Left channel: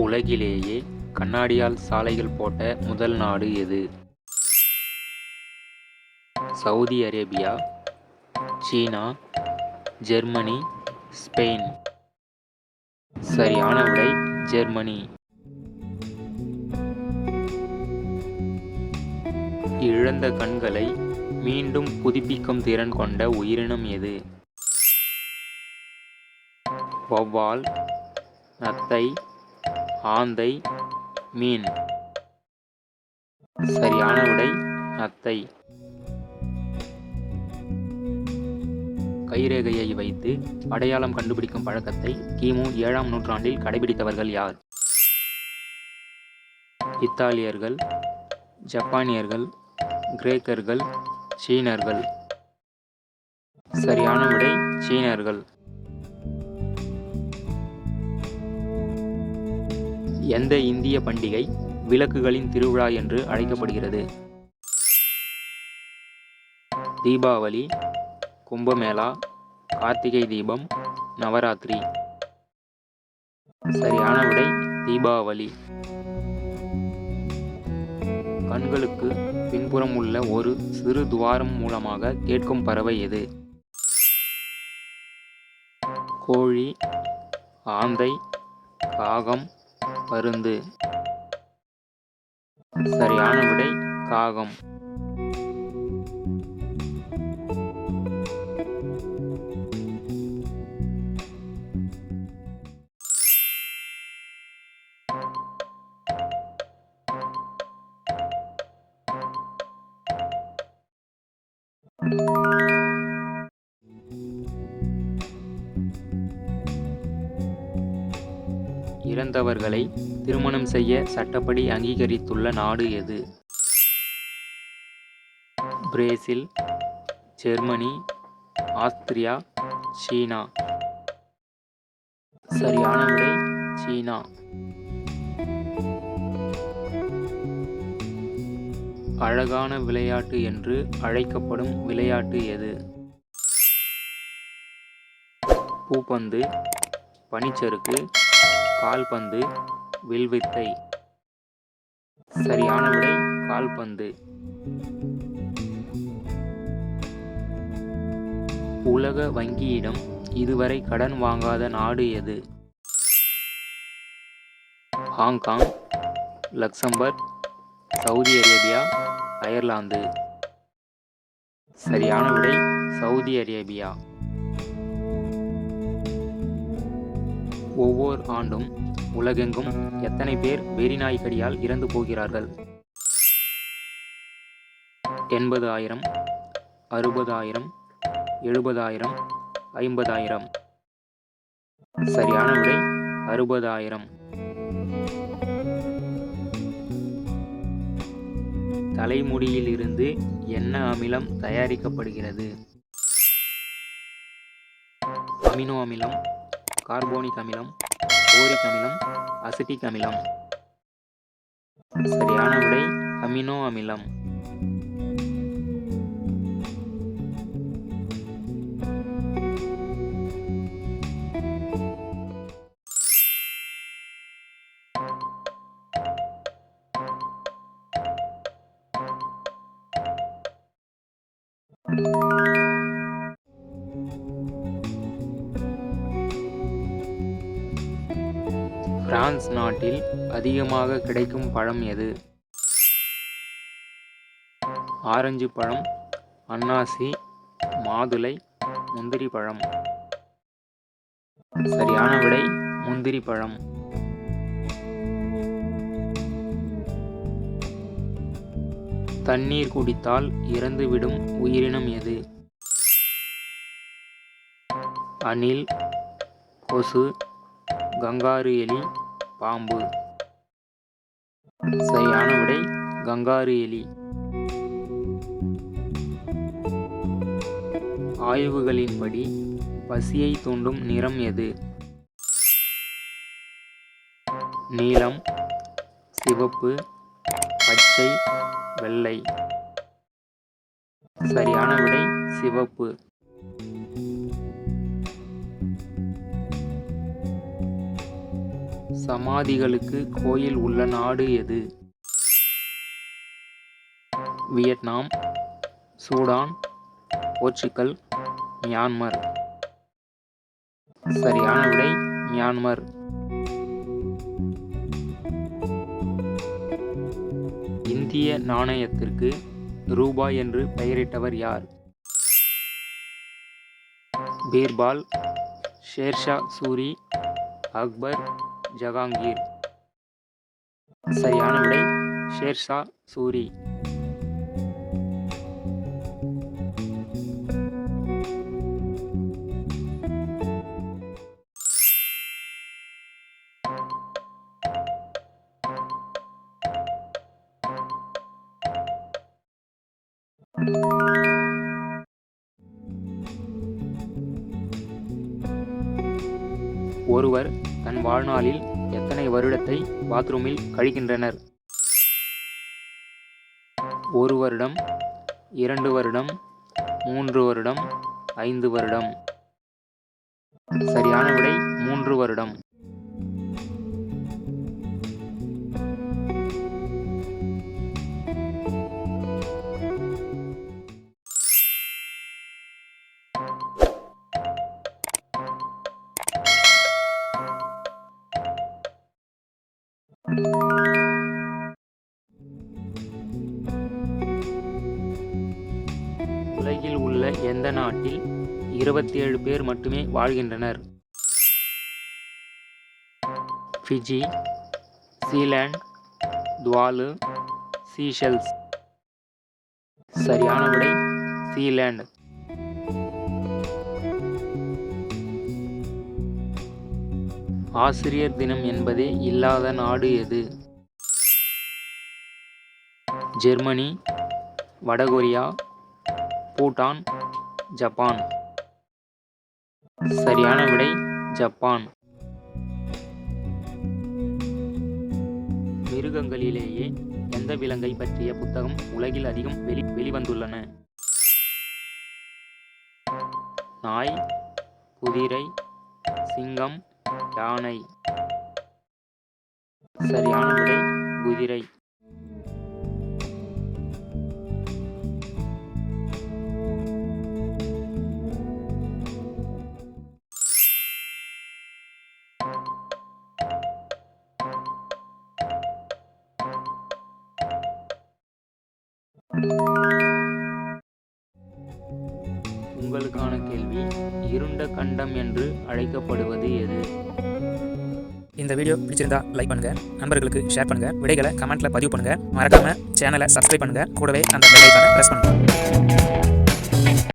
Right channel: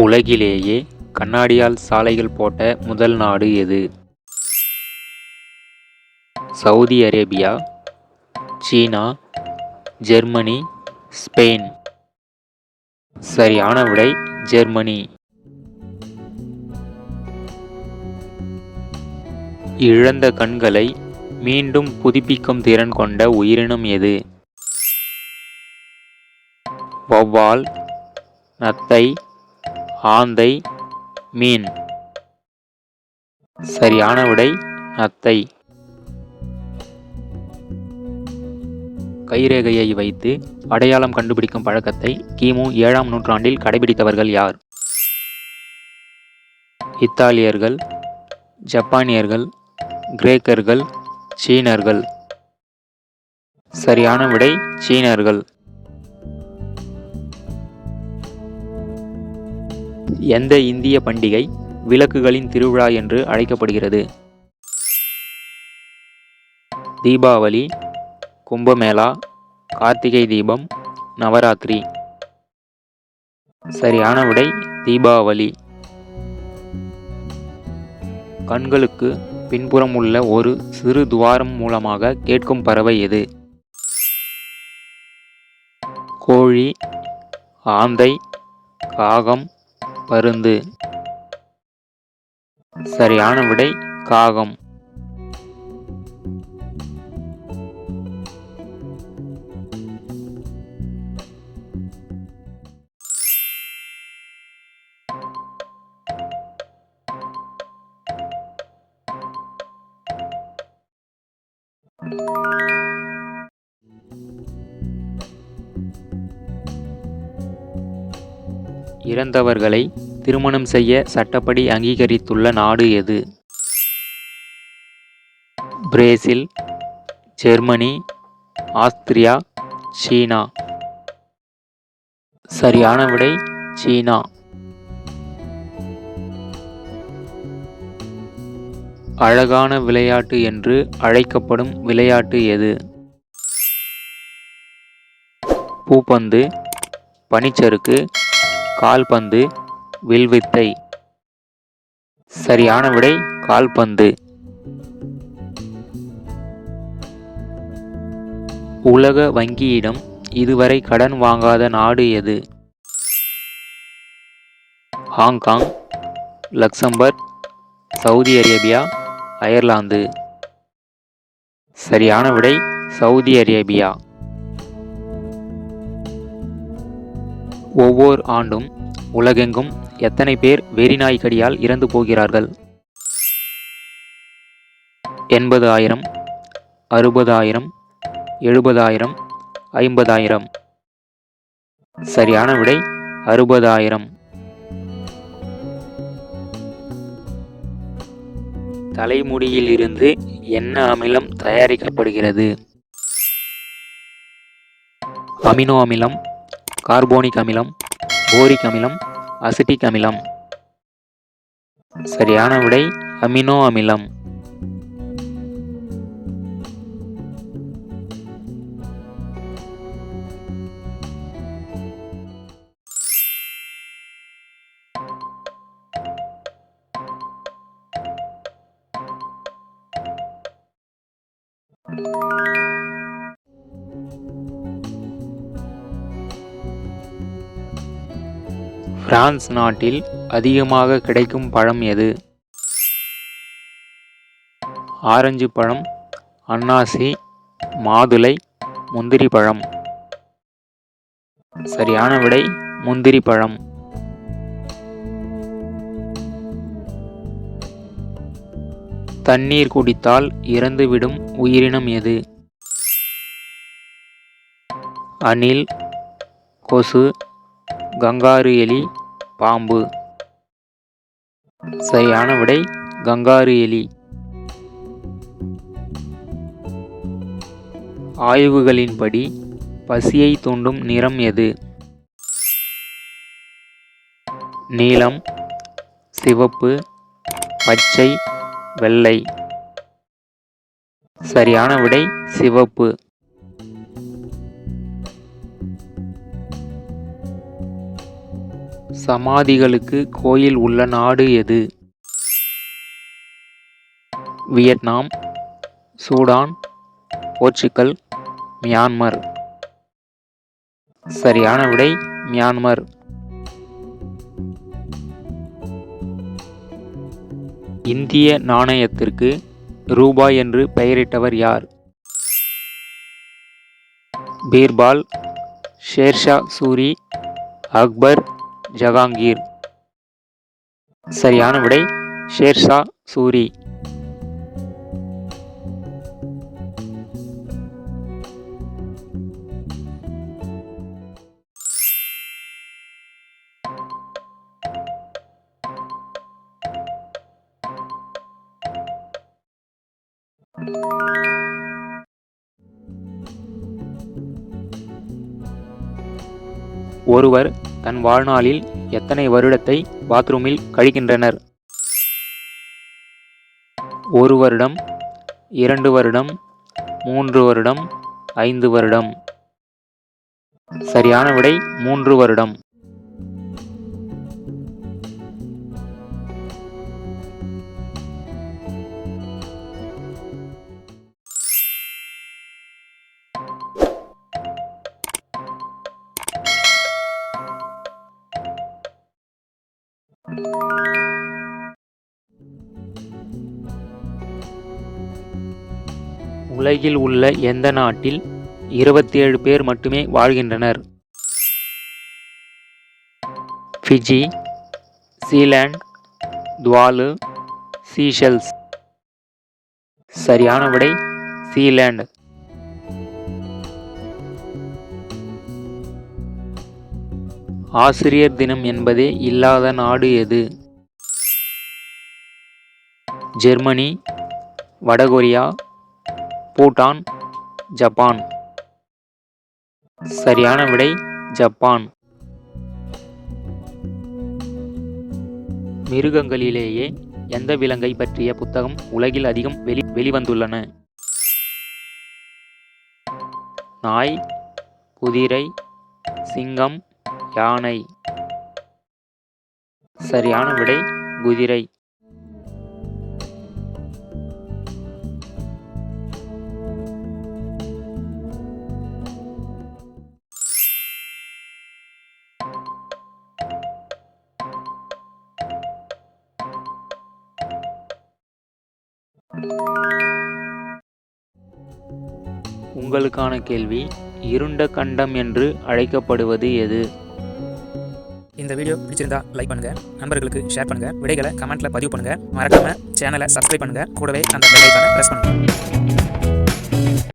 உலகிலேயே கண்ணாடியால் சாலைகள் போட்ட முதல் நாடு எது? சவுதி அரேபியா, சீனா, ஜெர்மனி, ஸ்பெயின். சரியான விடை ஜெர்மனி. இழந்த கண்களை மீண்டும் புதுப்பிக்கும் திறன் கொண்ட உயிரினம் எது? வௌவால், நத்தை, ஆந்தை, மீன். சரியான விடை நத்தை. கைரேகையை வைத்து அடையாளம் கண்டுபிடிக்கும் பழக்கத்தை கிமு 7ஆம் நூற்றாண்டில் கடைபிடித்தவர்கள் யார்? இத்தாலியர்கள், ஜப்பானியர்கள், கிரேக்கர்கள், சீனர்கள். சரியான விடை சீனர்கள். எந்த இந்திய பண்டிகை விளக்குகளின் திருவிழா என்று அழைக்கப்படுகிறது? தீபாவளி, கும்பமேளா, கார்த்திகை தீபம், நவராத்திரி. சரியான விடை தீபாவளி. கண்களுக்கு பின்புறம் உள்ள ஒரு சிறு துவாரம் மூலமாக கேட்கும் பறவை எது? கோழி, ஆந்தை, காகம், பருந்து. சரியான விடை காகம். இறந்தவர்களை திருமணம் செய்ய சட்டப்படி அங்கீகரித்துள்ள நாடு எது? பிரேசில், ஜெர்மனி, ஆஸ்திரியா, சீனா. சரியான விடை சீனா. அழகான விளையாட்டு என்று அழைக்கப்படும் விளையாட்டு எது? பூப்பந்து, பனிச்சறுக்கு, கால்பந்து, வில்வித்தை. சரியான விடை கால்பந்து. உலக வங்கியிடம் இதுவரை கடன் வாங்காத நாடு எது? Hong Kong, Luxembourg, Saudi Arabia, Ireland. சரியான விடை சவுதி அரேபியா. ஒவ்வொரு ஆண்டும் உலகெங்கும் எத்தனை பேர் வெறிநாய் கடியால் இறந்து போகிறார்கள்? 80,000, 60,000, 70,000, 50,000. சரியான விடை 60,000. தலைமுடியில் இருந்து என்ன அமிலம் தயாரிக்கப்படுகிறது? அமினோ அமிலம், கார்போனிக் அமிலம், போரிக் அமிலம், அசிட்டிக் அமிலம். சரியான விடை அமினோ அமிலம். பிரான்ஸ் நாட்டில் அதிகமாக கிடைக்கும் பழம் எது? ஆரஞ்சு பழம், அன்னாசி, மாதுளை, முந்திரி பழம். சரியான விடை முந்திரி பழம். தண்ணீர் குடித்தால் இறந்துவிடும் உயிரினம் எது? அணில், கொசு, கங்காரு எலி, பாம்பு. சரியான விடை கங்காரு எலி. ஆய்வுகளின்படி பசியை தூண்டும் நிறம் எது? நீலம், சிவப்பு, பச்சை, வெள்ளை. சரியான விடை சிவப்பு. சமாதிகளுக்கு கோயில் உள்ள நாடு எது? Vietnam, Sudan, Portugal, Myanmar. சரியான விடை மியான்மர். இந்திய நாணயத்திற்கு ரூபாய் என்று பெயரிட்டவர் யார்? பீர்பால், ஷேர்ஷா சூரி, அக்பர், ஜஹாங்கீர். சரியான விடை ஷேர்ஷா சூரி. ஒருவர் தன் வாழ்நாளில் எத்தனை வருடத்தை பாத்ரூமில் கழிக்கின்றனர்? 1 வருடம், 2 வருடம், 3 வருடம், 5 வருடம். சரியான விடை 3 வருடம். உலகில் உள்ள எந்த நாட்டில் 27 பேர் மட்டுமே வாழ்கின்றனர்? Fiji, Sealand, Tuvalu, Seychelles. சரியான விடை சீலாந்து. ஆசிரியர் தினம் என்பதே இல்லாத நாடு எது? ஜெர்மனி, வடகொரியா, பூட்டான், ஜப்பான். சரியான விடை ஜப்பான். மிருகங்களிலேயே எந்த விலங்கை பற்றிய புத்தகம் உலகில் அதிகம் வெளிவந்துள்ளன? நாய், குதிரை, சிங்கம், யானை. சரியான விடை குதிரை. உங்களுக்கான கேள்வி, இருண்ட கண்டம் என்று அழைக்கப்படுவது எது? இந்த வீடியோ பிடிச்சிருந்தா லைக் பண்ணுங்க, நண்பர்களுக்கு ஷேர் பண்ணுங்க, விடைகளை கமெண்ட்ல பதிவு பண்ணுங்க, மறக்காம சேனலை சப்ஸ்கிரைப் பண்ணுங்க, கூடவே அந்த பெல் ஐகானை பிரஸ் பண்ணுங்க.